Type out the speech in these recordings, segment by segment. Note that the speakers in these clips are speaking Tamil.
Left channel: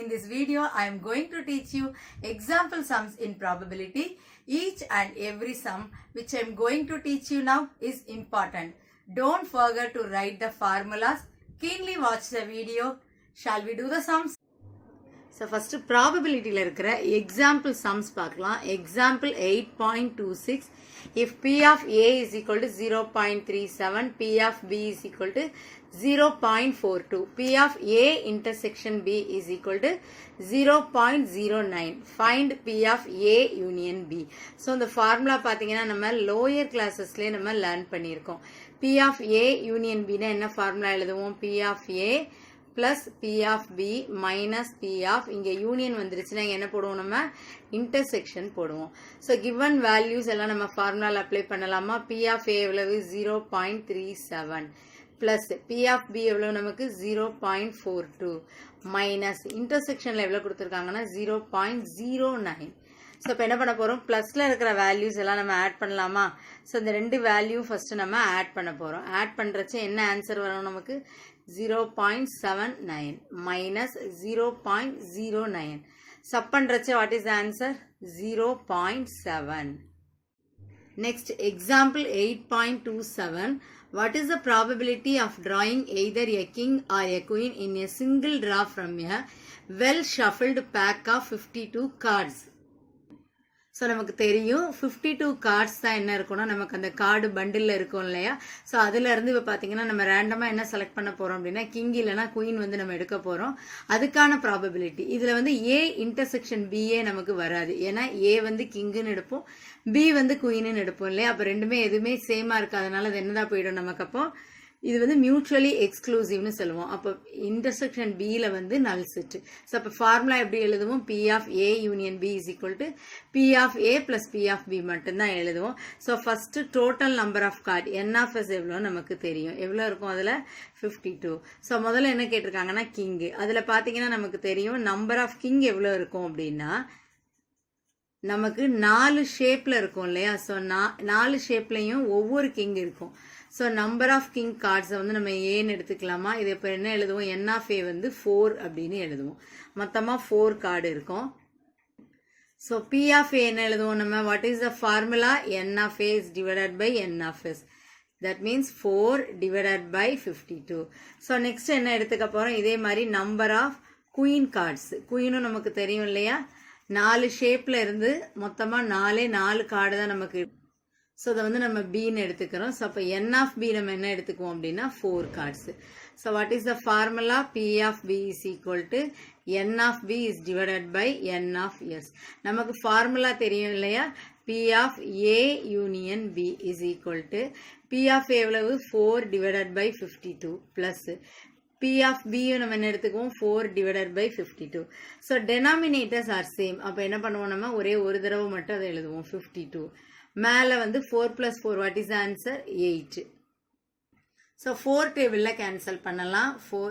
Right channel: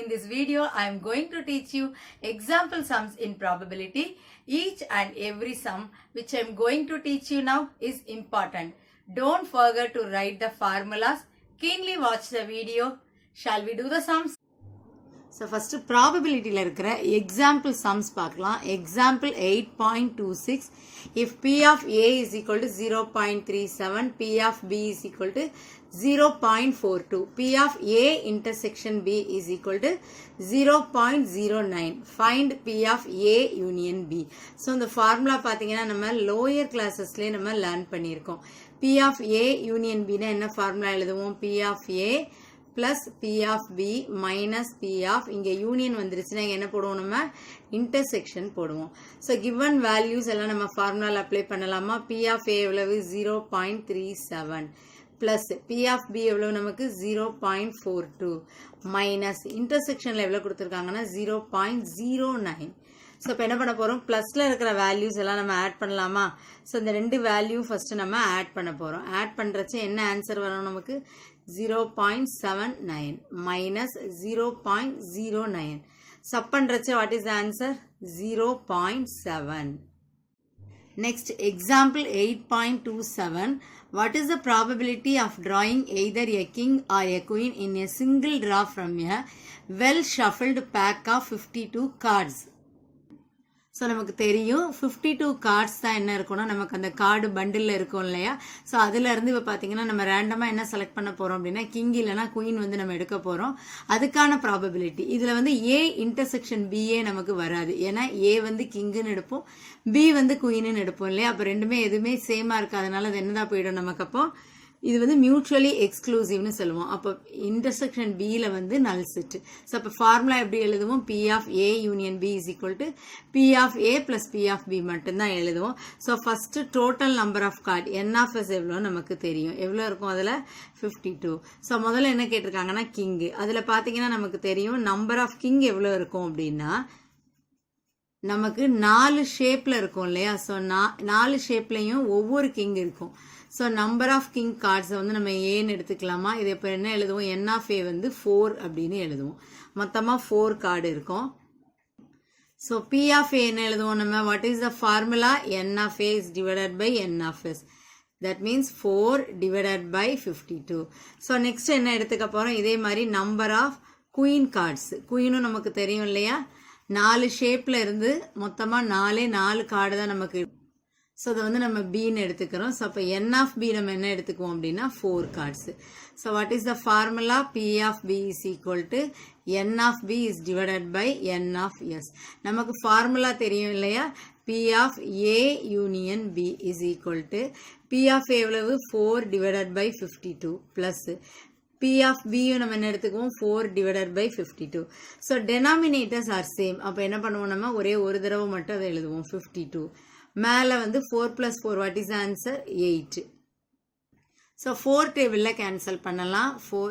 in this video I am going to teach you example sums in probability. Each and every sum which I am going to teach you now is important. Don't forget to write the formulas. Keenly watch the video. Shall we do the sums? So first probability la irukra example sums paakalam. Example 8.26. If P of A is equal to 0.37, P of B is equal to 0.42, P of A intersection B is equal to 0.09. Find P of A union B. So இந்த formula பாத்தீங்கன்னா நம்ம lower classesலயே நம்ம learn பண்ணியிருக்கோம். P of A union B னா என்ன formula எழுதுவோம்? P of A plus P of B minus P of, இங்க union வந்துருச்சுன்னா என்ன போடுவோம் நம்ம? intersection போடுவோம். So given values எல்லாம் நம்ம formula apply பண்ணலாமா? P of A எவ்வளவு? 0.37 plus P of B எவ்வளவு நமக்கு? 0.42 minus intersectionல எவ்வளவு கொடுத்திருக்காங்கன்னா 0.09. So இப்போ என்ன பண்ண போறோம்? பிளஸ்ல இருக்கிற வேல்யூஸ் எல்லாம் நம்ம ஆட் பண்ணலாமா? ஸோ இந்த ரெண்டு வேல்யூ ஃபர்ஸ்ட் நம்ம ஆட் பண்ண போறோம். ஆட் பண்றச்ச என்ன ஆன்சர் வரும் நமக்கு? 0.79 minus 0.09. Sub பண்றச்ச what is the answer? 0.7. Next example 8.27. What is the probability of drawing either a king or a queen in a single draw from a well shuffled pack of 52 cards? So நமக்கு தெரியும் 52 கார்ட்ஸ் தான் என்ன இருக்கும்னா நமக்கு அந்த கார்டு பண்டில் இருக்கும் இல்லையா? ஸோ அதுல இருந்து இப்போ பார்த்தீங்கன்னா நம்ம ரேண்டமாக என்ன செலக்ட் பண்ண போறோம் அப்படின்னா கிங் இல்லைனா குயின் வந்து நம்ம எடுக்க போறோம். அதுக்கான ப்ராபபிலிட்டி இதுல வந்து ஏ இன்டர்செக்ஷன் பிஏ நமக்கு வராது. ஏன்னா ஏ வந்து கிங்குன்னு எடுப்போம், பி வந்து குயின்னு எடுப்போம் இல்லையா? அப்போ ரெண்டுமே எதுவுமே சேமா இருக்காதனால அது என்னதான் போயிடும் நமக்கு. அப்போ இது வந்து மியூச்சுவலி எக்ஸ்க்ளூசிவ்னு சொல்லுவோம். அப்போ இன்டர்செக்ஷன் பியில் வந்து நல் செட். ஸோ அப்போ ஃபார்முலா எப்படி எழுதுவோம்? P of A union B is equal to P of A plus P of B மட்டும்தான் எழுதுவோம். So first total number of card N of S எவ்வளோ நமக்கு தெரியும். எவ்வளோ இருக்கும் அதில்? 52. ஸோ முதல்ல என்ன கேட்டிருக்காங்கன்னா கிங்கு. அதில் பார்த்தீங்கன்னா நமக்கு தெரியும் நம்பர் ஆஃப் கிங் எவ்வளோ இருக்கும் அப்படின்னா நமக்கு 4 ஷேப்ல இருக்கும் இல்லையா? ஸோ 4 ஷேப்லையும் ஒவ்வொரு கிங் இருக்கும். ஸோ நம்பர் ஆஃப் கிங் கார்ட்ஸை வந்து நம்ம ஏன்னு எடுத்துக்கலாமா? இது இப்போ என்ன எழுதுவோம்? என் ஆஃப் ஏ வந்து 4 அப்படின்னு எழுதுவோம். மொத்தமாக 4 கார்டு இருக்கும். ஸோ பி ஆஃப் ஏ என்ன எழுதுவோம் நம்ம? What is the formula? N of A is divided by N of S. That means 4 divided by 52. So next என்ன எடுத்துக்க போகிறோம்? இதே மாதிரி நம்பர் ஆஃப் குயின் கார்ட்ஸ். குயினும் நமக்கு தெரியும் இல்லையா? 4 ஷேப்ல இருந்து மொத்தமாக 4 கார்டு தான் நமக்கு. ஸோ அதை வந்து நம்ம பின்னு எடுத்துக்கிறோம். ஸோ அப்போ என் ஆஃப் பி நம்ம என்ன எடுத்துக்குவோம் அப்படின்னா 4 cards. So what is the formula? P of B is equal to N of B is divided by N of S. நமக்கு ஃபார்முலா தெரியும் இல்லையா? P of A union B is equal to P of A எவ்வளவு? 4 divided by 52 plus P of B நம்ம என்ன எடுத்துக்குவோம்? 4 divided by 52. So denominators are same. அப்போ என்ன பண்ணுவோம் நம்ம? ஒரே ஒரு தடவை மட்டும் அதை எழுதுவோம் 52. மேலே வந்து 4 plus 4 what is the answer? 8. So 4 டேபிளில் கேன்சல் பண்ணலாம். 4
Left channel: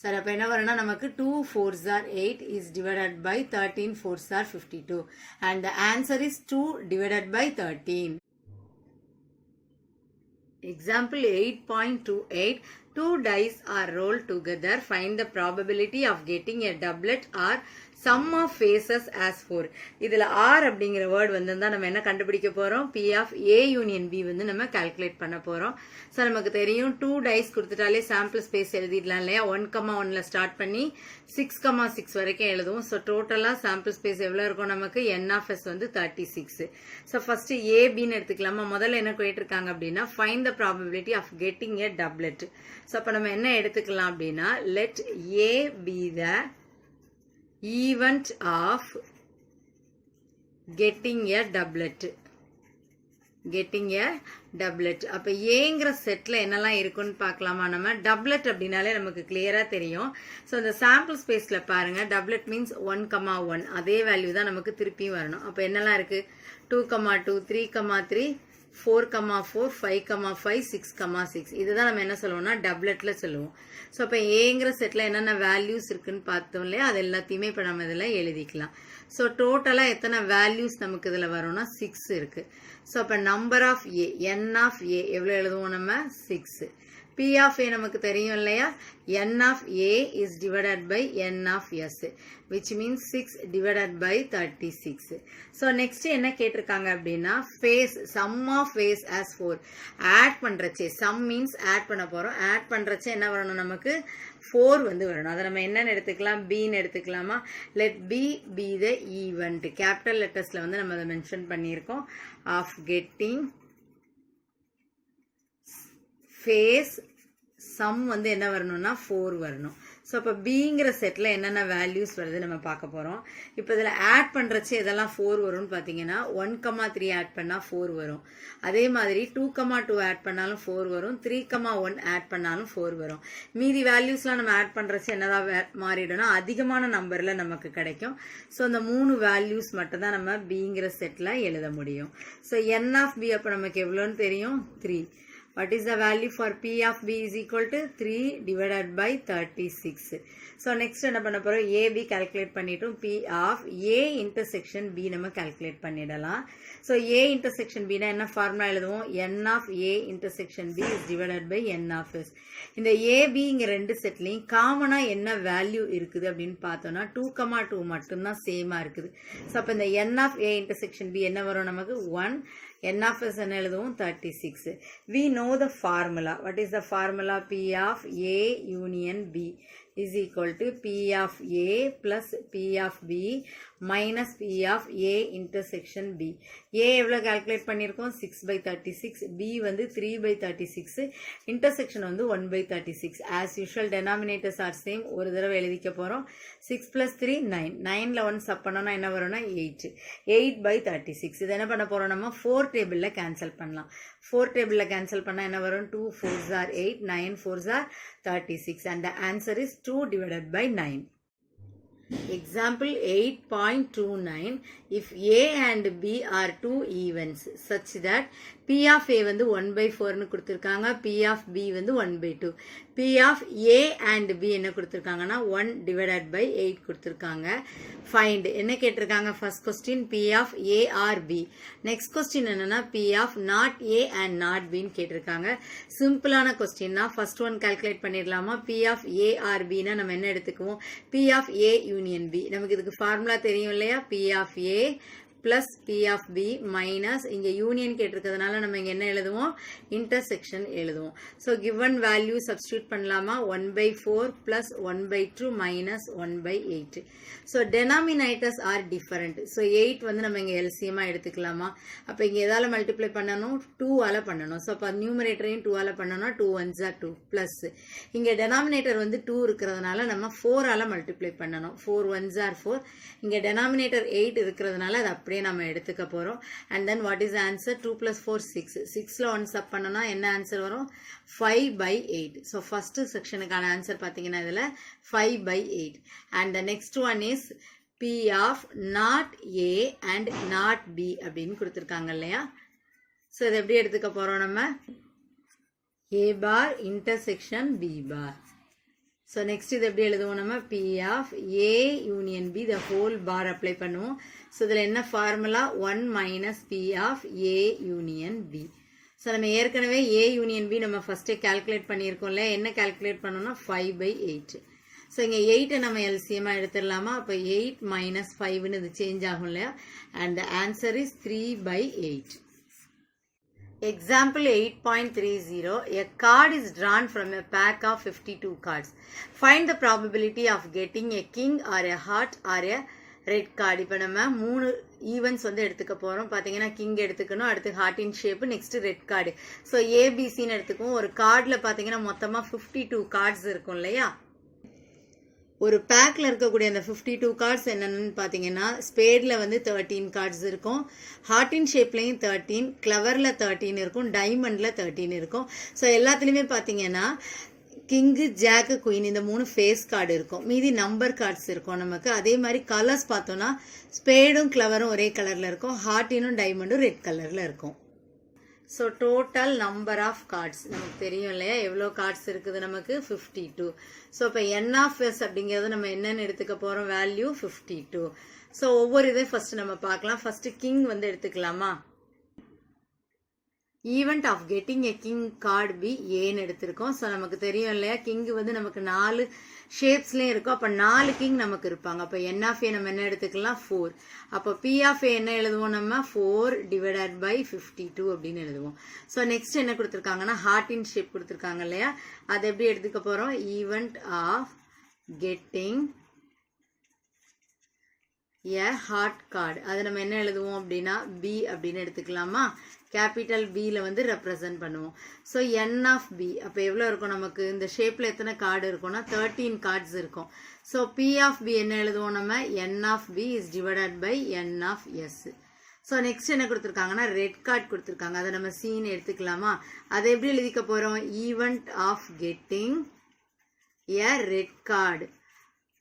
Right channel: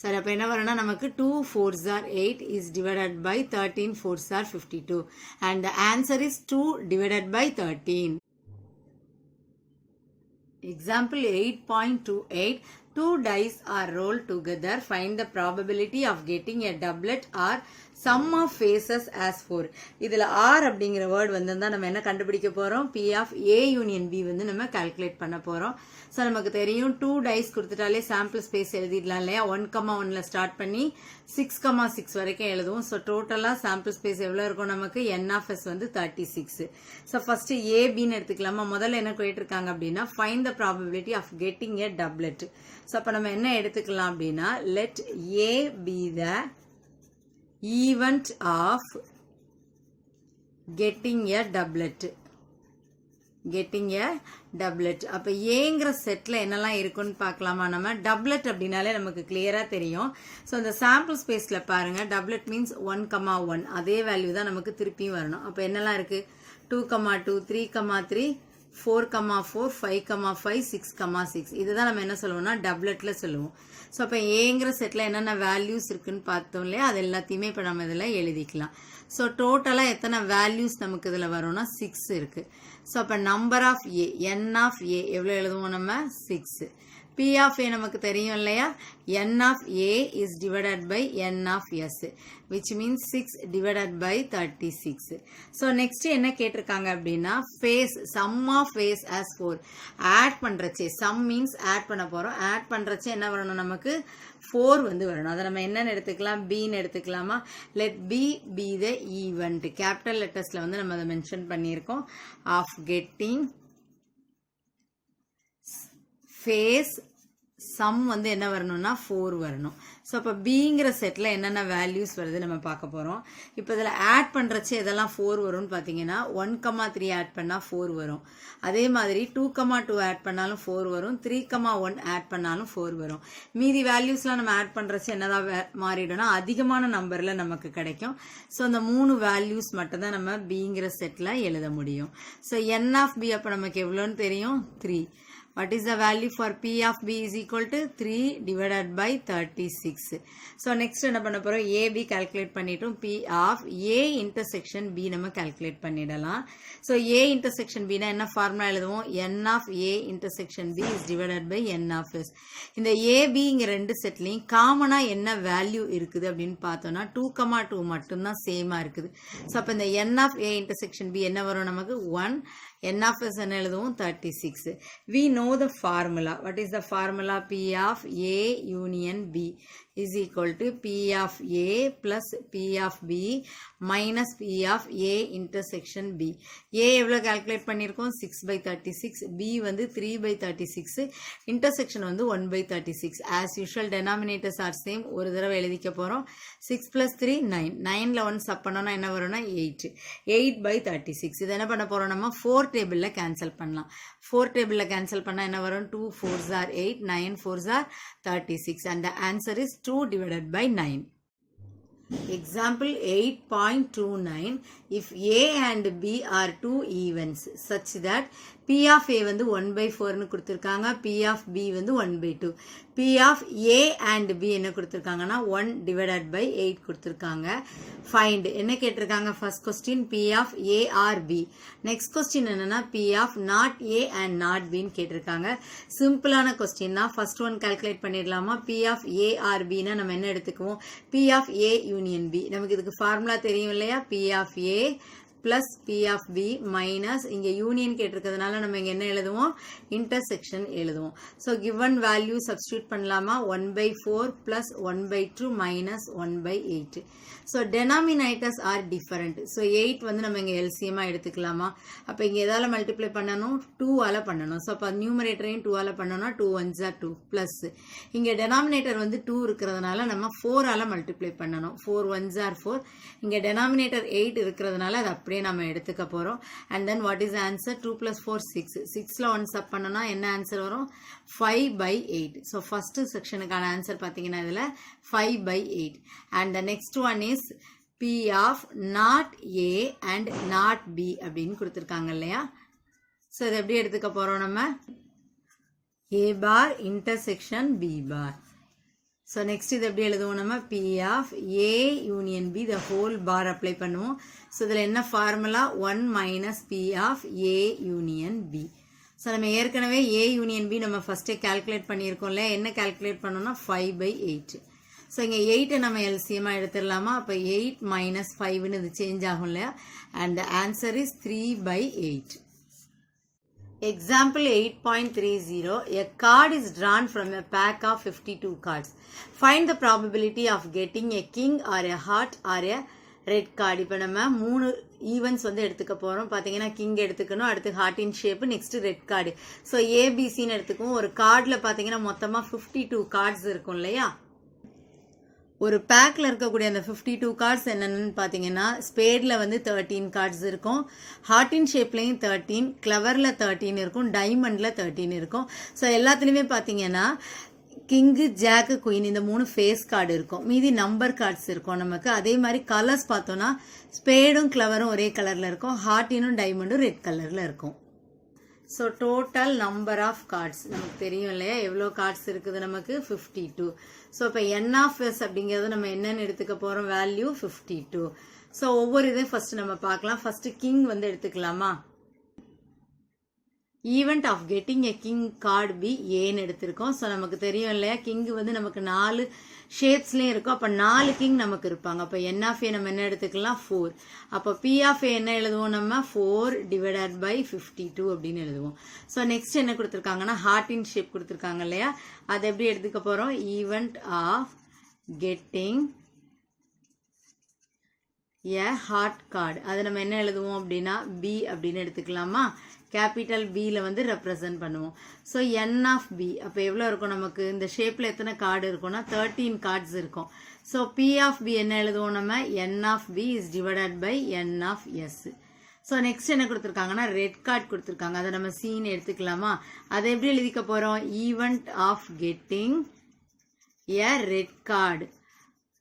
சரி அப்போ என்ன வரும்னா நமக்கு 2 4s are 8 is divided by 13 4s are 52 and the answer is 2 divided by 13. Example 8.28. 2 dice are rolled together. Find the probability of getting a doublet or sum of faces as 4. இதில் R அப்படிங்கிற வேர்டு வந்து நம்ம என்ன கண்டுபிடிக்க போகிறோம்? P of A union B வந்து நம்ம கால்குலேட் பண்ண போகிறோம். ஸோ நமக்கு தெரியும் 2 டைஸ் கொடுத்துட்டாலே சாம்பிள் ஸ்பேஸ் எழுதிடலாம் இல்லையா? 1,1ல ஸ்டார்ட் பண்ணி 6,6 வரைக்கும் எழுதுவோம். ஸோ டோட்டலாக சாம்பிள் ஸ்பேஸ் எவ்வளோ இருக்கும் நமக்கு? என் ஆஃப் எஸ் வந்து 36. ஸோ ஃபர்ஸ்ட் ஏபின்னு எடுத்துக்கலாமா? முதல்ல என்ன கேட்டிருக்காங்க அப்படின்னா find the probability of getting a doublet. So அப்போ நம்ம என்ன எடுத்துக்கலாம் அப்படின்னா let A be the event of getting a doublet. Getting a doublet. அப்போ ஏங்கிற செட்டில் என்னெல்லாம் இருக்குன்னு பார்க்கலாமா? நம்ம டப்லெட் அப்படின்னாலே நமக்கு கிளியராக தெரியும். ஸோ அந்த சாம்பிள் ஸ்பேஸில் பாருங்கள் டப்லெட் மீன்ஸ் 1,1 அதே வேல்யூ தான் நமக்கு திருப்பியும் வரணும். அப்போ என்னெல்லாம் இருக்குது? 2,2 3,3 4,4 5,5 6,6 இதுதான் நம்ம என்ன சொல்லுவோம்னா டப்லெட்ல சொல்லுவோம். ஸோ அப்போ ஏங்கிற செட்டில் என்னென்ன வேல்யூஸ் இருக்குன்னு பார்த்தோம் இல்லையா? அது எல்லாத்தையுமே இப்போ நம்ம இதில் எழுதிக்கலாம். ஸோ டோட்டலாக எத்தனை வேல்யூஸ் நமக்கு இதில் வரும்னா 6 இருக்கு. ஸோ அப்போ number of A N of A எவ்வளோ எழுதுவோம் நம்ம? 6. P P of A நமக்கு தெரியும் இல்லையா, N of A is divided by N of S, which means 6 divided by 36. So next என்ன கேட்டிருக்காங்க அப்படின்னா face, sum of face as 4. add பண்றச்சே, sum means add பண்ண போறோம், add பண்றச்சே என்ன வரணும் நமக்கு 4 வந்து வரணும். அதை நம்ம என்னன்னு எடுத்துக்கலாம், B ன்னு எடுத்துக்கலாமா. let B be the event, capital lettersல வந்து நம்ம அதை மென்ஷன் பண்ணியிருக்கோம், of getting face sum வந்து என்ன வரணும்னா 4 வரணும். ஸோ அப்போ பிங்கிற செட்டில் என்னென்ன வேல்யூஸ் வருது நம்ம பார்க்க போகிறோம். இப்போ இதில் ஆட் பண்ணுறச்சு எதெல்லாம் 4 வரும்னு பார்த்தீங்கன்னா 1,3 ஆட் பண்ணால் 4 வரும். அதே மாதிரி 2,2 ஆட் பண்ணாலும் 4 வரும், 3,1 ஆட் பண்ணாலும் 4 வரும். மீதி வேல்யூஸ்லாம் நம்ம ஆட் பண்ணுறச்சு என்னதான் மாறிடும்னா அதிகமான நம்பரில் நமக்கு கிடைக்கும். ஸோ இந்த 3 வேல்யூஸ் மட்டும்தான் நம்ம பிங்கிற செட்டில் எழுத முடியும். ஸோ N of B அப்போ நமக்கு எவ்வளோன்னு தெரியும், 3. What is the value for P of B is equal to 3 divided by 36. So next என்ன பண்ண போறோம், AB calculate பண்ணிட்டோம், P of A intersection B நம்ம calculate பண்ணிடலாம். So A intersection B என்ன ஃபார்முலா எழுதுவோம், N of A intersection B is divided by N of S. இந்த AB இங்க ரெண்டு செட்லையும் காமனா என்ன வேல்யூ இருக்குது அப்படின்னு பார்த்தோம்னா 2,2 மட்டும்தான் சேமா இருக்குது. ஸோ அப்போ இந்த N of A intersection B என்ன வரும் நமக்கு 1, N of S என்ன எழுதுவோம் 36. We know the formula. What is the formula? P of A union B is equal to P of A plus P of B minus P of A intersection B. A எவ்வளோ calculate பண்ணியிருக்கோம் 6/36, B வந்து 3/36, intersection வந்து 1/36. As usual denominators are same, ஒரு தடவை எழுதிக்க போகிறோம். 6 plus 3 9, 9ல 1 சப் பண்ணோன்னா என்ன வரும்னா 8, 8/36. இது என்ன பண்ண போகிறோம், நம்ம 4 டேபிளில் கேன்சல் பண்ணலாம். 4 டேபிளில் கேன்சல் பண்ணால் என்ன வரும், 2 4s are 8, 9 4s are 36, and the answer is 2 divided by 9. Example 8.29. If A and B are two events such that P of A வந்து 1/4 னு கொடுத்திருக்காங்க, P of B வந்து 1/2. P of A and B என்ன கொடுத்திருக்காங்கன்னா 1 divided by 8 கொடுத்திருக்காங்க. Find என்ன கேட்டிருக்காங்க, first question P of A or B. Next question என்னன்னா P of not A and not B னு கேட்டிருக்காங்க. சிம்பிளான கொஸ்டின் தான். ஃபர்ஸ்ட் ஒன் கால்குலேட் பண்ணிடலாமா. P of A or B னா நம்ம என்ன எடுத்துக்குவோம், P of A union B. நமக்கு இதுக்கு ஃபார்முலா தெரியும் இல்லையா, P of A plus P of B minus இங்க யூனியன் கேட்டிருக்கிறதுனால நம்ம இங்க என்ன எழுதுவோம், intersection எழுதுவோம். So given value substitute பண்ணலாமா, 1/4 plus 1/2 minus 1/8. So denominators are different. So 8 வந்து நம்ம இங்க LCM எடுத்துக்கலாமா. அப்ப இங்க எதால மல்டிப்ளை பண்ணணும், 2 ஆல பண்ணணும். So அப்ப நியூமரேட்டரையும் 2 ஆல பண்ணனும்னா 2 1s are 2 plus இங்க denominator வந்து 2 இருக்கிறதுனால நம்ம 4 ஆல மல்டிப்ளை பண்ணணும். 4 1s are 4. இங்க denominator 8 இருக்கிறதுனால அது அப்படியே நம்ம எடுத்துக்க போறோம். And then what is the answer, 2 plus 4 6. 6ல 1 sub பண்ணனா என்ன ஆன்சர் வரும், 5/8. So first sectionக்கான ஆன்சர் பாத்தீங்கன்னா இதுல 5/8. And the next one is P of not A and not B அப்படின்னு கொடுத்திருக்காங்க இல்லையா. So இது எப்படி எடுத்துக்க போறோம் நம்ம, A bar intersection B bar. So next இது எப்படி எழுதுவோம் நம்ம, P of A union B the whole bar apply பண்ணுவோம். So இதில் என்ன formula, 1 minus P of A union B. So நம்ம ஏற்கனவே A union B நம்ம ஃபர்ஸ்டே கால்குலேட் பண்ணியிருக்கோம் இல்லையா, என்ன கால்குலேட் பண்ணோம்னா 5/8. ஸோ இங்கே 8 நம்ம எல்சிஎம்மாக எடுத்துடலாமா. அப்போ 8 minus 5ன்னு இது சேஞ்ச் ஆகும் இல்லையா. And the answer is 3/8. Example 8.30. A card is drawn from a pack of 52 cards. Find the probability of getting a king or a heart or a red card. இப்போ நம்ம 3 ஈவெண்ட்ஸ் வந்து எடுத்துக்க போகிறோம். பார்த்தீங்கன்னா கிங் எடுத்துக்கணும், அடுத்து ஹார்ட்டின் shape, next red card. So ஏபிசின்னு எடுத்துக்குவோம். ஒரு கார்டில் பார்த்தீங்கன்னா மொத்தமாக 52 கார்ட்ஸ் இருக்கும் இல்லையா. ஒரு பேக்கில் இருக்கக்கூடிய அந்த 52 கார்ட்ஸ் என்னென்னு பார்த்தீங்கன்னா, ஸ்பேடில் வந்து 13 கார்ட்ஸ் இருக்கும், ஹார்ட்டின் ஷேப்லேயும் 13, கிளவரில் 13 இருக்கும், டைமண்டில் 13 இருக்கும். ஸோ எல்லாத்துலேயுமே பார்த்தீங்கன்னா கிங்கு ஜாக்கு குயின் இந்த 3 ஃபேஸ் கார்டு இருக்கும், மீதி நம்பர் கார்ட்ஸ் இருக்கும் நமக்கு. அதே மாதிரி கலர்ஸ் பார்த்தோன்னா ஸ்பேடும் கிளவரும் ஒரே கலரில் இருக்கும், ஹார்ட்டினும் டைமண்டும் ரெட் கலரில் இருக்கும். So total number of cards நமக்கு தெரியும் இல்லையா, எவ்வளோ கார்ட்ஸ் இருக்குது நமக்கு 52. ஸோ இப்போ N of S அப்படிங்கிறது நம்ம என்னன்னு எடுத்துக்க போகிறோம், வேல்யூ 52. ஸோ ஒவ்வொரு இதை ஃபர்ஸ்ட் நம்ம பார்க்கலாம். ஃபர்ஸ்ட் கிங் வந்து எடுத்துக்கலாமா. Event of getting a king card B ஏன்னு எடுத்திருக்கோம். ஸோ நமக்கு தெரியும் இல்லையா, கிங் வந்து நமக்கு 4 ஷேப்ஸ்லேயும் இருக்கும். அப்போ 4 கிங் நமக்கு இருப்பாங்க. அப்போ என் ஆஃப் ஏ நம்ம என்ன எடுத்துக்கலாம், 4. அப்போ பி ஆஃப் ஏ என்ன எழுதுவோம், நம்ம 4 டிவைடட் பை 52 அப்படின்னு எழுதுவோம். ஸோ நெக்ஸ்ட் என்ன கொடுத்துருக்காங்கன்னா ஹார்ட்டின் ஷேப் கொடுத்துருக்காங்க இல்லையா, அதை எப்படி எடுத்துக்க போகிறோம், event of getting a heart card. அது நம்ம என்ன எழுதுவோம் அப்படின்னா பி அப்படின்னு எடுத்துக்கலாமா, கேபிட்டல் பியில் வந்து ரெப்ரசன்ட் பண்ணுவோம். ஸோ என் ஆஃப் பி அப்போ எவ்வளோ இருக்கும், நமக்கு இந்த ஷேப்பில் எத்தனை கார்டு இருக்கும்னா 13 கார்ட்ஸ் இருக்கும். ஸோ பி ஆஃப் பி என்ன எழுதுவோம் நம்ம, N of B is divided by N of S. So next என்ன கொடுத்துருக்காங்கன்னா ரெட் கார்டு கொடுத்துருக்காங்க, அதை நம்ம சீன்னு எடுத்துக்கலாமா. அதை எப்படி எழுதிக்க போகிறோம், event of getting a red card.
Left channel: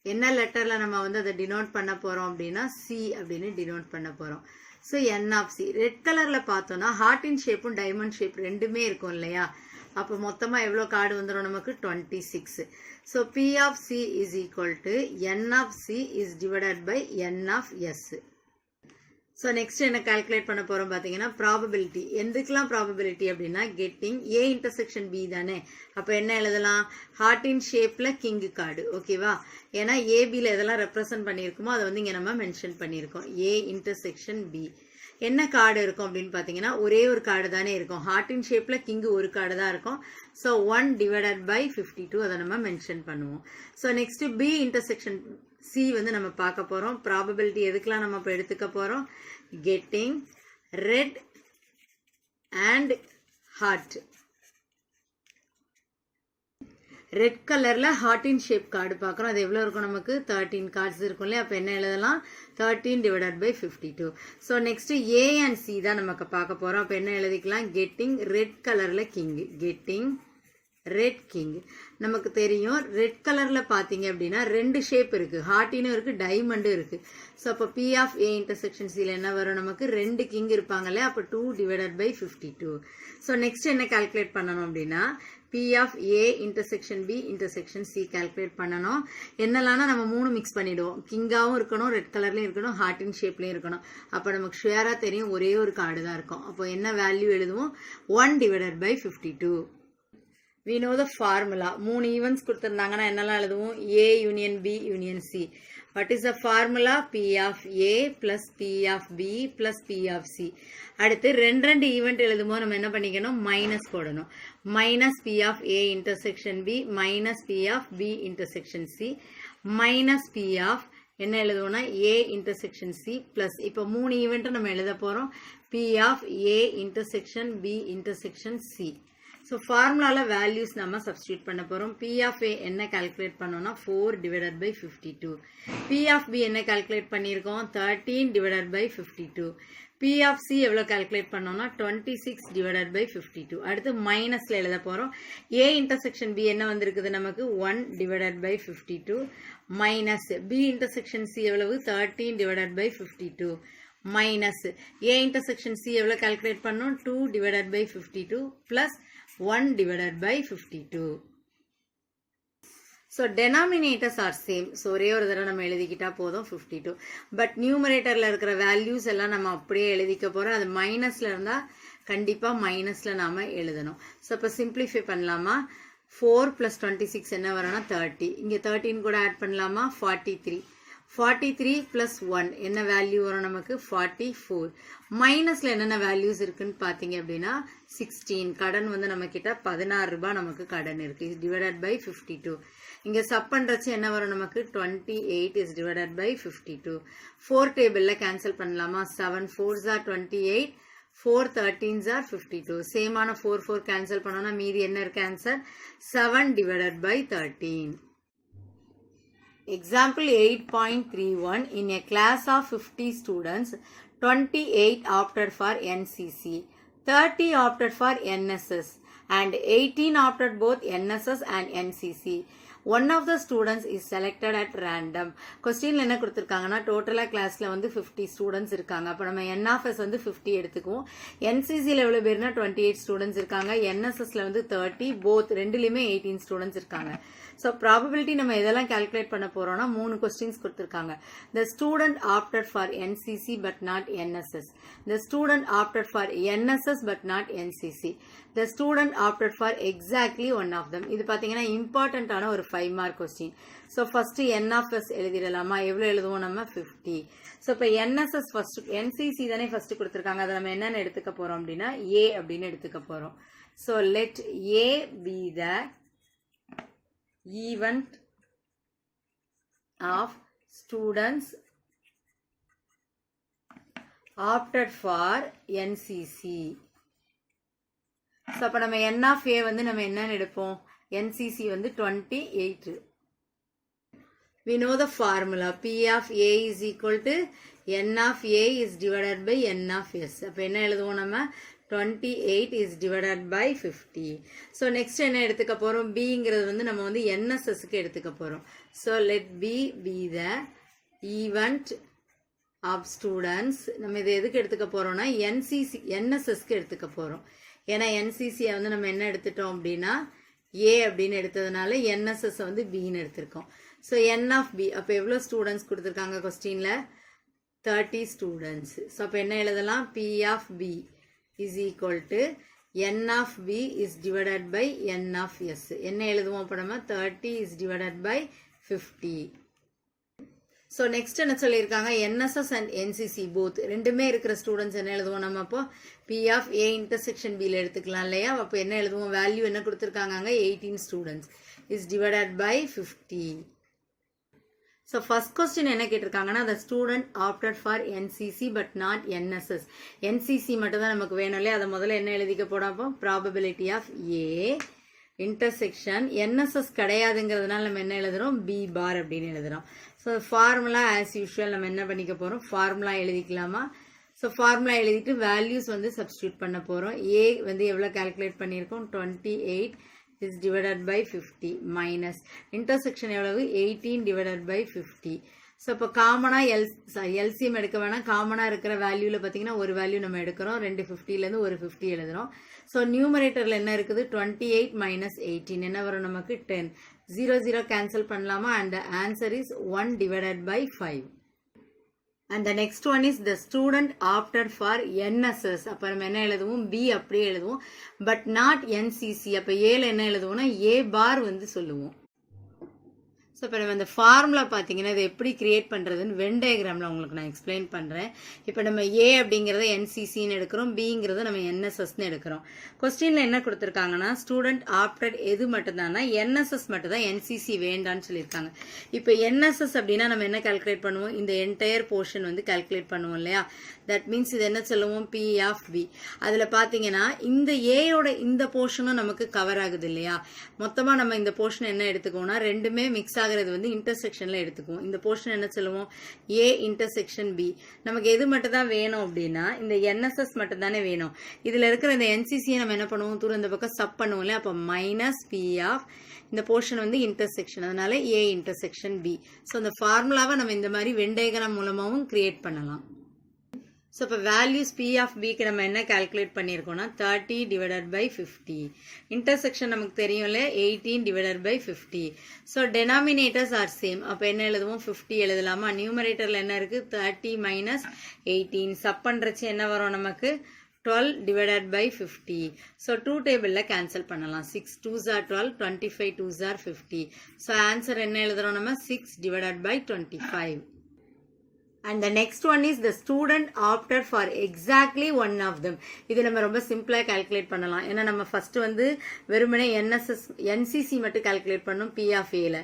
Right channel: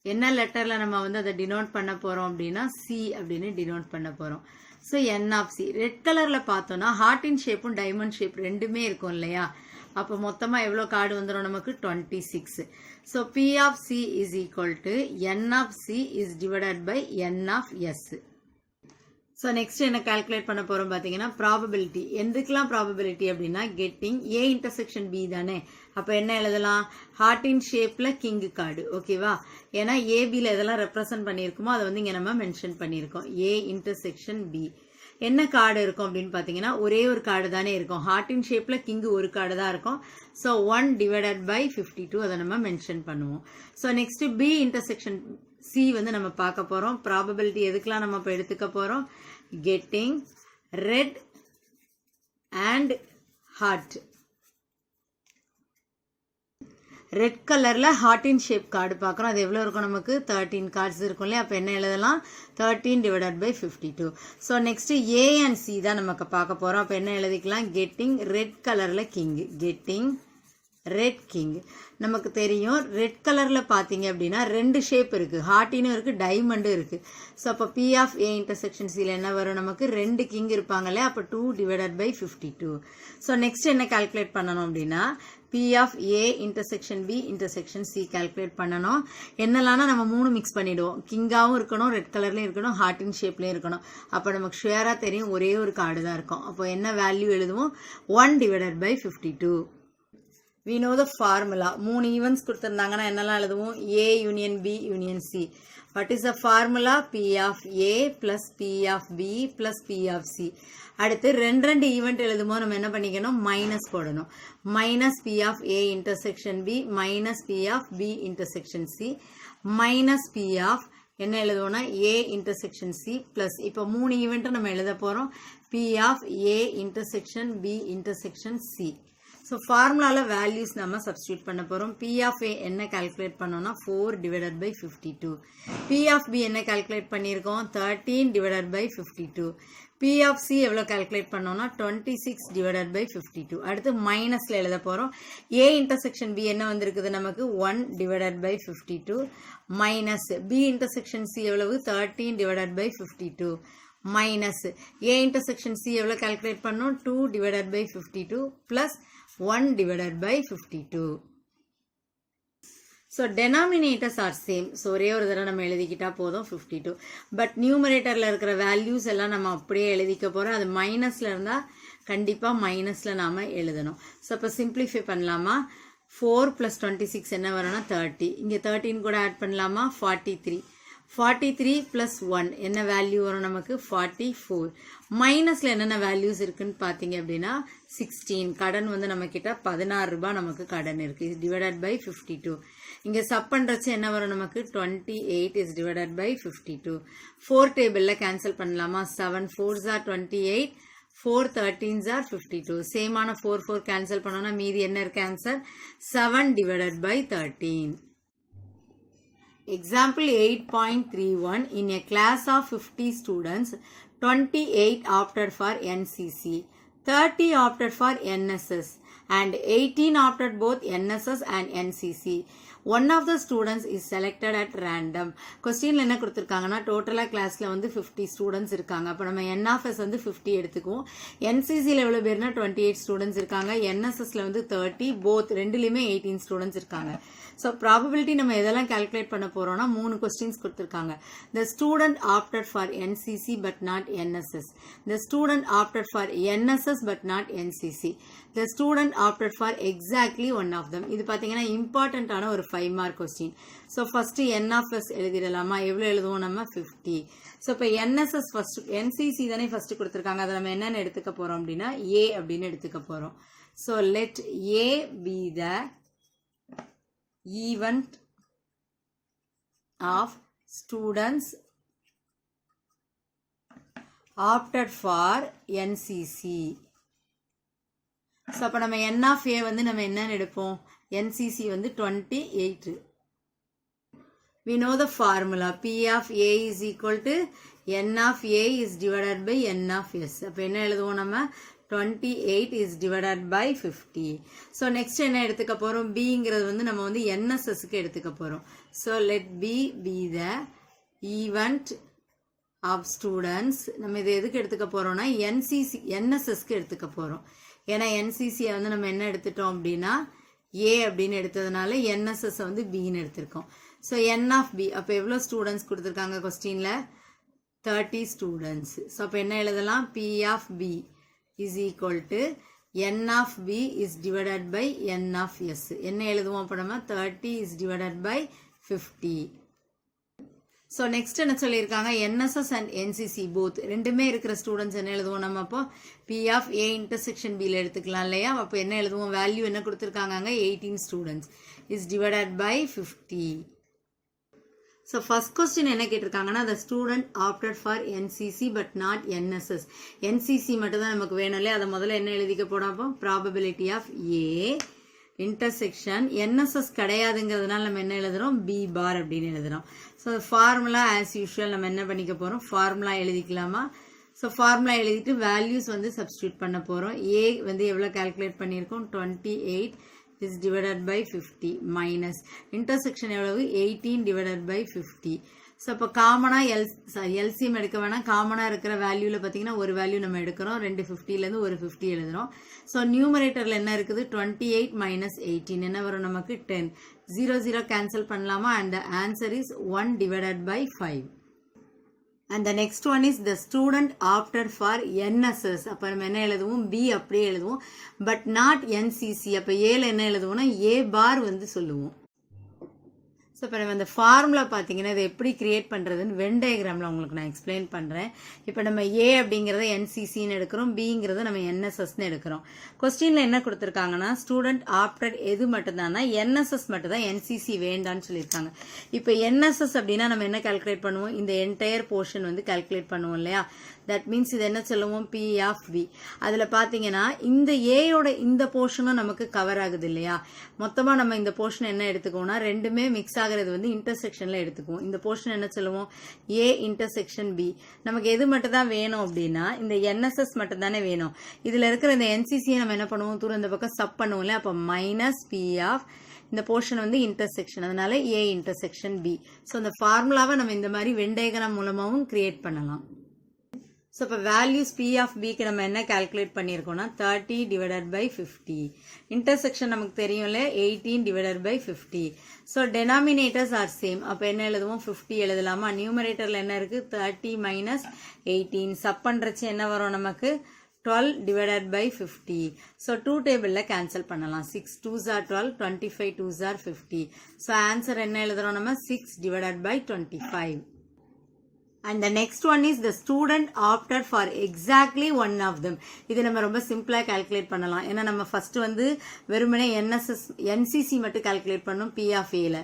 என்ன லெட்டரில் நம்ம வந்து அதை டினோட் பண்ண போகிறோம் அப்படின்னா சி அப்படின்னு டினோட் பண்ண போகிறோம். So N of C red கலரில் பார்த்தோன்னா ஹார்ட்டின் ஷேப்பும் டைமண்ட் ஷேப் ரெண்டுமே இருக்கும் இல்லையா. அப்போ மொத்தமாக எவ்வளோ கார்டு வந்துடும் நமக்கு, 26. So P of C is equal to N of C is divided by N of S. So next என்ன கால்குலேட் பண்ண போகிறோம் பார்த்தீங்கன்னா ப்ராபபிலிட்டி. எதுக்கெல்லாம் ப்ராபபிலிட்டி அப்படின்னா கெட்டிங் ஏ இன்டர்செக்ஷன் பி தானே. அப்போ என்ன எழுதலாம், ஹார்ட்டின் ஷேப்பில் கிங் கார்டு, ஓகேவா. ஏன்னா ஏபியில் எதெல்லாம் ரெப்ரசன்ட் பண்ணியிருக்குமோ அதை வந்து இங்கே நம்ம மென்ஷன் பண்ணியிருக்கோம். ஏ இன்டர்செக்ஷன் பி என்ன கார்டு இருக்கும் அப்படின்னு பார்த்தீங்கன்னா ஒரே ஒரு கார்டு தானே இருக்கும். ஹார்ட்டின் ஷேப்பில் கிங்கு ஒரு கார்டு தான் இருக்கும். ஸோ 1 டிவைடட் பை 52 அதை நம்ம மென்ஷன் பண்ணுவோம். So next B intersection C வந்து நம்ம பார்க்க போகிறோம். ப்ராபபிலிட்டி எதுக்கெல்லாம் நம்ம இப்போ எடுத்துக்க போகிறோம், getting red and heart. Red கலரில் ஹார்ட்டின் ஷேப் கார்டு பார்க்குறோம். அது எவ்வளோ இருக்கும், நமக்கு 13 கார்ட்ஸ் இருக்கும் இல்லையா. அப்போ என்ன எழுதலாம், 13 divided by 52. So next A and C தான் நமக்கு பார்க்க போகிறோம். அப்போ என்ன எழுதிக்கலாம், கெட்டிங் ரெட் கலரில் கிங், கெட்டிங் ரெட் கிங். நமக்கு தெரியும் ரெட் கலரில் பார்த்தீங்க அப்படின்னா 2 ஷேப் இருக்குது, ஹார்ட்டினும் இருக்குது டைமண்டும் இருக்குது. ஸோ அப்போ பி ஆஃப் ஏ இன்டர்செக்ஷன் சியில் என்ன வரும், நமக்கு 2 கிங் இருப்பாங்களே. அப்போ 2 டிவைடட் பை 52. ஸோ நெக்ஸ்ட் என்ன கால்குலேட் பண்ணணும் அப்படின்னா P of A intersection B intersection C calculate பண்ணணும். என்னெல்லாம்னா நம்ம 3 மிக்ஸ் பண்ணிவிடுவோம், கிங்காகவும் இருக்கணும், ரெட் கலர்லேயும் இருக்கணும், ஹார்ட்டின் ஷேப்லேயும் இருக்கணும். அப்போ நமக்கு ஷுவராக தெரியும் ஒரே ஒரு கார்டு தான் இருக்கும். அப்போ என்ன வேல்யூ எழுதுவோம், 1 divided by 52. we know the formula. 3 events கொடுத்துருந்தாங்கன்னா என்னெல்லாம் எழுதுவோம், A union B union C. what is the formula, P of A plus P of B plus P of C. அடுத்து 2 ஈவெண்ட் எழுதும்போது நம்ம என்ன பண்ணிக்கணும், மைனஸ் போடணும். Minus P of A intersection B minus P of B intersection C minus P of என்ன எழுதுவோம்னா A intersection C plus இப்போ 3 ஈவெண்ட்டும் நம்ம எழுத போகிறோம், P of A intersection B intersection C. So ஃபார்முலாவில் வேல்யூஸ் நம்ம சப்ஸ்டியூட் பண்ண போகிறோம். பி ஆஃப் ஏ என்ன கால்குலேட் பண்ணோம்னா 4 divided by 52. P of B என்ன கால்குலேட் பண்ணியிருக்கோம், 13 divided by 52. P of C எவ்வளோ கால்குலேட் பண்ணோம்னா 26 டிவைடட் பை 52. அடுத்து மைனஸில் எழுத போகிறோம். ஏ இன்டர்செக்ஷன் பி என்ன வந்திருக்குது நமக்கு, 1 divided by 52 minus B intersection C எவ்வளவு, 13 divided by 52 minus A intersection C எவ்வளோ கால்குலேட் பண்ணோம், 2 divided by 52 plus 1 divided by 52. So denominators are same. So ஒரே ஒரு தடவை நம்ம எழுதிக்கிட்டா போதும் 52. பட் நியூமரேட்டரில் இருக்கிற வேல்யூஸ் எல்லாம் நம்ம அப்படியே எழுதிக்க போகிறோம். அது மைனஸில் இருந்தால் கண்டிப்பாக மைனஸில் நாம் எழுதணும். ஸோ இப்போ சிம்பிளிஃபை பண்ணலாமா, 4 + 26 என்ன வரும்னா 30. இங்கே 13 கூட ஆட் பண்ணலாமா, 43. 43 + 1 என்ன வேல்யூ வரும் நமக்கு, 44. மைனஸில் என்னென்ன வேல்யூஸ் இருக்குன்னு பார்த்தீங்க அப்படின்னா 16. கடன் வந்து நம்ம கிட்ட 16 ரூபாய் நமக்கு கடன் இருக்குது, டிவைடட் பை 52. இங்கே சப் பண்ணுறச்சு என்ன வரும் நமக்கு, 28 இஸ் டிவைடட் பை 52. 4 டேபிளில் கேன்சல் பண்ணலாமா, 7 4s are 28, 4 13s are 52. சேமான 4 cancel பண்ணோன்னா மீதி என்ன இருக்கு answer, 7 divided by 13. Example 8.31. In a class of 50 students, 28 opted for NCC, 30 opted for NSS, and 18 opted both NSS and NCC. One of the students is selected at random. கொஸ்டின்ல என்ன கொடுத்துருக்காங்கன்னா டோட்டலா கிளாஸ்ல வந்து 50 ஸ்டூடெண்ட்ஸ் இருக்காங்க. அப்போ நம்ம என்ஆஃப்எஸ் வந்து 50 எடுத்துக்குவோம். என்சிசியில் எவ்வளோ பேர்னா 28 ஸ்டூடெண்ட்ஸ் இருக்காங்க. என்எஸ்எஸ்ல வந்து 30, போத் ரெண்டுலையுமே 18 ஸ்டூடெண்ட்ஸ் இருக்காங்க. ஸோ ப்ராபபிலிட்டி நம்ம எதெல்லாம் கால்குலேட் பண்ண போறோம்னா 3 கொஸ்டின்ஸ் கொடுத்துருக்காங்க. The student opted for NCC but not NSS. The student opted for NSS but not NCC. The student opted for exactly one of them. இது பார்த்தீங்கன்னா இம்பார்ட்டன்டான ஒரு 5 mark question. So first NFS எழுதிடலாமா? எவ்வளோ எழுதுவோம் நம்ம? 50. ஸோ இப்போ என்எஸ்எஸ் ஃபர்ஸ்ட், என்சிசி தானே ஃபர்ஸ்ட் கொடுத்துருக்காங்க. அதை நம்ம என்னென்னு எடுத்துக்க போறோம் அப்படின்னா ஏ அப்படின்னு எடுத்துக்க போறோம். So let A be the event of students opted for NCC. So அப்ப நம்ம N of A வந்து நம்ம என்னன்னு எடுப்போம்? NCC வந்து 28. We know the formula. P of A is equal to N of A is divided by N of S. அப்ப என்ன எழுதுவோம் நம்ம? 28 is divided by 50. So next என்ன எடுத்துக்க போறோம்? Bங்கிறது வந்து நம்ம வந்து NSSக்கு எடுத்துக்க போறோம். So let B be the event of students. நம்ம இது எதுக்கு எடுத்துக்க போறோம்னா NSSக்கு எடுத்துக்க போறோம். ஏன்னா NCC வந்து நம்ம என்ன எடுத்துட்டோம் அப்படின்னா A அப்படின்னு எடுத்ததுனால NSS வந்து Bன்னு எடுத்திருக்கோம். So N of B. அப்ப எவ்வளவு ஸ்டூடெண்ட்ஸ் கொடுத்திருக்காங்க கொஸ்டின்ல? 30 ஸ்டூடெண்ட்ஸ். So அப்ப என்ன எழுதலாம்? P of B is equal to N of B is divided by N of S. என்ன எழுதுவோம் அப்போ நம்ம? 30 is divided by 50. So next என்ன சொல்லியிருக்காங்க? NSS and NCC both ரெண்டுமே இருக்கிற ஸ்டூடெண்ட்ஸ் என்ன எழுதுவோம் நம்ம? அப்போ P of A intersection B ல எடுத்துக்கலாம் இல்லையா? அப்போ என்ன எழுதுவோம்? வேல்யூ என்ன கொடுத்துருக்காங்க? 18 students is divided by 50. So first question என்ன கேட்டிருக்காங்கன்னா the student opted for NCC but not NSS. NCC மட்டும் தான் நமக்கு வேணும் இல்லையா? அதை முதல்ல என்ன எழுதிக்க போறோம்? probability of A intersection NSS கிடையாதுங்கிறதுனால நம்ம என்ன எழுதுறோம்? B bar அப்படின்னு எழுதுறோம். So formula as usual நம்ம என்ன பண்ணிக்க போறோம்? formula எழுதிக்கலாமா? So formula எழுதிட்டு values வந்து substitute பண்ண போறோம். A வந்து எவ்வளவு கால்குலேட் பண்ணியிருக்கோம்? 28 is divided by 50 minus intersection எவ்வளவு? 18 divided by 50. ஸோ இப்போ காமனா எல்சிஎம் எடுக்க வேணாம். காமனா இருக்கிற வேல்யூல பார்த்தீங்கன்னா ஒரு வேல்யூ நம்ம எடுக்கிறோம். 2 50லேருந்து ஒரு 50 எழுதுறோம். ஸோ நியூமரேட்டர்ல என்ன இருக்குது? 28 minus 18 என்ன வரும் நமக்கு? 10. 0 0 கேன்சல் பண்ணலாமா? and the answer is 1 divided by 5. And the next one is the student opted for NSS. அப்ப நம்ம என்ன எழுதுவோம்? B அப்படியே எழுதுவோம். but not NCC. அப்ப Aல என்ன எழுதுவோம்னா A bar வந்து சொல்லுவோம். ஸோ இப்போ நம்ம இந்த ஃபார்முலா பார்த்தீங்கன்னா இதை எப்படி கிரியேட் பண்ணுறதுன்னு வென் டயக்ராமில் உங்களுக்கு நான் எக்ஸ்பிளைன் பண்ணுறேன். இப்போ நம்ம ஏ அப்படிங்கிறத என்சிசின்னு எடுக்கிறோம், பிங்கிறத நம்ம என்எஸ்எஸ்ன்னு எடுக்கிறோம். கொஸ்டினில் என்ன கொடுத்துருக்காங்கன்னா ஸ்டூடெண்ட் ஆப்டட் எது மட்டும்தான்னா என்எஸ்எஸ் மட்டும் தான், என்சிசி வேண்டான்னு சொல்லியிருக்காங்க. இப்போ என்எஸ்எஸ் அப்படின்னா நம்ம என்ன கால்குலேட் பண்ணுவோம்? இந்த என்டையர் போர்ஷன் வந்து கால்குலேட் பண்ணுவோம் இல்லையா? தட் மீன்ஸ் இது என்ன சொல்லுவோம்? P of B. அதில் பார்த்தீங்கன்னா இந்த ஏயோட இந்த போர்ஷனும் நமக்கு கவர் ஆகுது இல்லையா? மொத்தமாக நம்ம இந்த போர்ஷன் என்ன எடுத்துக்கோம்னா ரெண்டுமே மிக்ஸ் ஆகிறது வந்து இன்டர்செக்ஷனில் எடுத்துக்குவோம். இந்த போர்ஷன் என்ன சொல்லுவோம்? A intersection B. நமக்கு எது மட்டும் தான் வேணும் அப்படின்னா இந்த என்எஸ்எஸ் மட்டும் தானே வேணும். இதில் இருக்கிற இந்த என்சிசியை நம்ம என்ன பண்ணுவோம்? தூரம் இந்த பக்கம் சப் பண்ணுவோம் இல்லையா? அப்போ மைனஸ் பி ஆஃப் இந்த போர்ஷன் வந்து இன்டர்செக்ஷன், அதனால ஏ இன்டர்செக்ஷன் பி. ஸோ இந்த ஃபார்முலாவை நம்ம இந்த மாதிரி வென் டயக்ராம் மூலமாகவும் கிரியேட் பண்ணலாம். ஸோ இப்போ வேல்யூஸ் பி ஆஃப் பிக்கு நம்ம என்ன கால்குலேட் பண்ணியிருக்கோம்னா 30 டிவைடட் பை 50. இன்டர்செக்ஷன் நமக்கு தெரியும்ல 18 divided by 50. So denominators are same. அப்போ என்ன எழுதுவோம்? 50 எழுதலாமா? நியூமரேட்டரில் என்ன இருக்குது? 30 மைனஸ் 18. சப் பண்ணுறச்சு என்ன வரும் நமக்கு? 12 divided by 50. So 2 டேபிளில் கேன்சல் பண்ணலாம். 6 2s are 12, 25 2s are 50. So answer என்ன எழுதுறோம் நம்ம? 6 divided by 25. And the next one is the student opted for exactly one of them. இது நம்ம ரொம்ப சிம்பிளா கால்குலேட் பண்ணலாம். ஏன்னா நம்ம ஃபர்ஸ்ட் வந்து வெறுமனே என்சிசி மட்டும் கால்குலேட் பண்ணோம் பி ஆஃப் ஏல.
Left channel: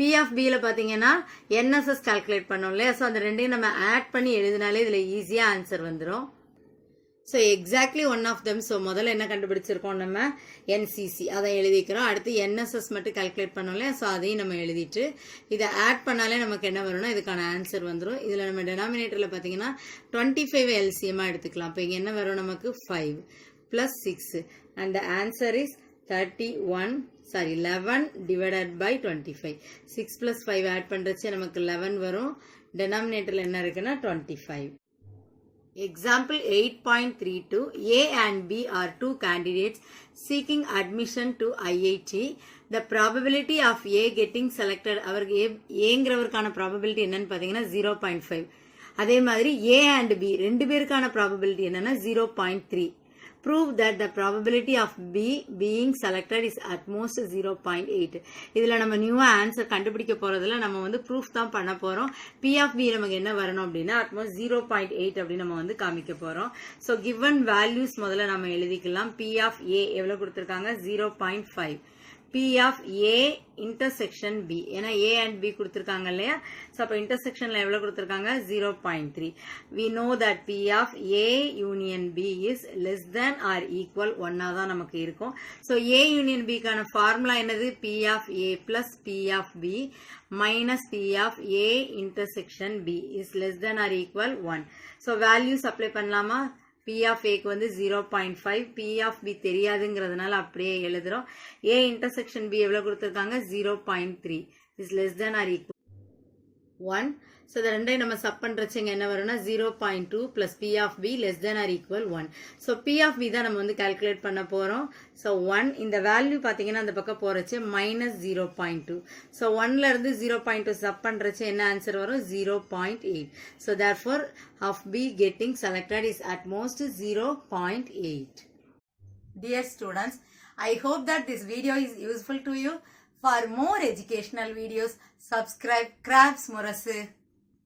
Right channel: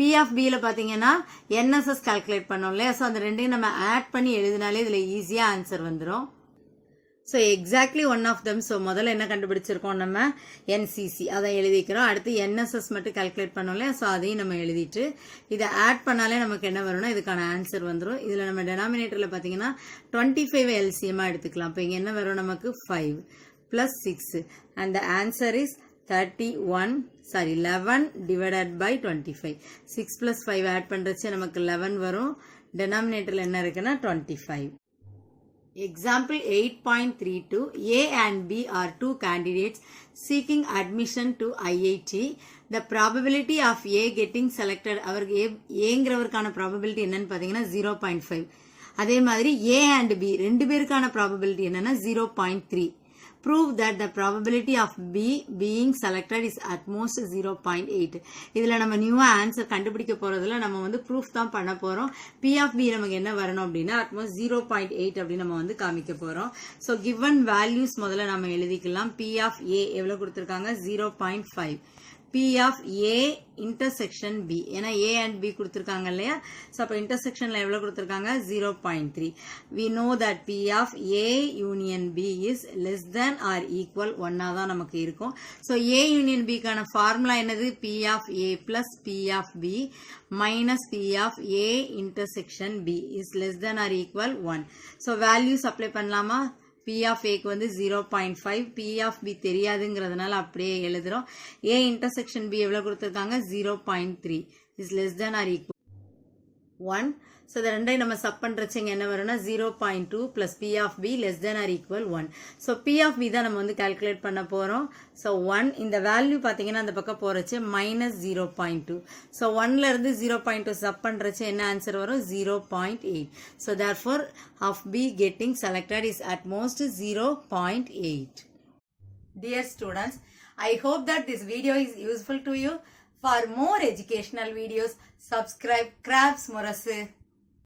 பி ஆஃப் பியில் பார்த்தீங்கன்னா என்எஸ்எஸ் கால்குலேட் பண்ணோம் இல்லையா? ஸோ அந்த ரெண்டையும் நம்ம ஆட் பண்ணி எழுதினாலே இதில் ஈஸியாக ஆன்சர் வந்துடும். So exactly one of them. So முதல்ல என்ன கண்டுபிடிச்சிருக்கோம் நம்ம? என்சிசி, அதை எழுதிக்கிறோம். அடுத்து என்எஸ்எஸ் மட்டும் கால்குலேட் பண்ணோம்ல, ஸோ அதையும் நம்ம எழுதிட்டு இதை ஆட் பண்ணாலே நமக்கு என்ன வரும்னா இதுக்கான ஆன்சர் வந்துடும். இதில் நம்ம டெனாமினேட்டரில் பார்த்தீங்கன்னா 25 எல்சிஎம்மாக எடுத்துக்கலாம். இப்போ இங்கே என்ன வரும் நமக்கு? 5 + 6 and the answer is 11 divided by 25. 6 plus 5 add பண்றச்சு நமக்கு 11 வரும். denominatorல என்ன இருக்குன்னா 25. Example 8.32. A and B are two candidates seeking admission to IIT. The probability of A getting selected, அவருக்கு ஏங்கிறவருக்கான probability என்னன்னு பார்த்தீங்கன்னா 0.5. அதே மாதிரி A and B ரெண்டு பேருக்கான probability என்னன்னா 0.3. Prove that the probability of B being selected is at most 0.8. இதுல நம்ம நியூவா ஆன்சர் கண்டுபிடிக்க போறதுல நம்ம வந்து ப்ரூஃப் தான் பண்ண போறோம். P of B நமக்கு என்ன வரணும் அப்படின்னா at most 0.8 அப்படின்னு நம்ம வந்து காமிக்க போறோம். So given values முதல்ல நம்ம எழுதிக்கலாம். P of A எவ்வளவு கொடுத்திருக்காங்க 0.5. P of A intersection B. ஏன்னா A and B கொடுத்திருக்காங்க இல்லையா? So அப்ப intersectionல எவ்வளவு கொடுத்திருக்காங்க 0.3. We know that P of A union B is less than or equal 1 தான் நமக்கு இருக்கும். So A union B கான formula என்னது? P of A plus P of B minus P of A intersection B is less than or equal 1. So values apply பண்ணலாமா? P of A க்கு வந்து 0.5, P of B தெரியாதுங்கிறதுனால அப்படியே எழுதுறோம். A intersection B எவ்வளவு கொடுத்திருக்காங்க 0.3 is less than or equal 1. So the ரெண்டை நம்ம சப் பண்றச்சுங்க என்ன வரும்னா 0.2 plus P of B less than or equal 1. So P of B தான் நம்ம வந்து கால்குலேட் பண்ண போறோம். So 1 இந்த வேல்யூ பாத்தீங்கன்னா அந்த பக்கம் போறச்சு minus 0.2. So 1ல இருந்து 0.2 சப் பண்றச்சு என்ன ஆன்சர் வரும் 0.8. So therefore of B getting selected is at most 0.8. Dear students, I hope that this video is useful to you. For more educational videos, subscribe Crafts Murasu.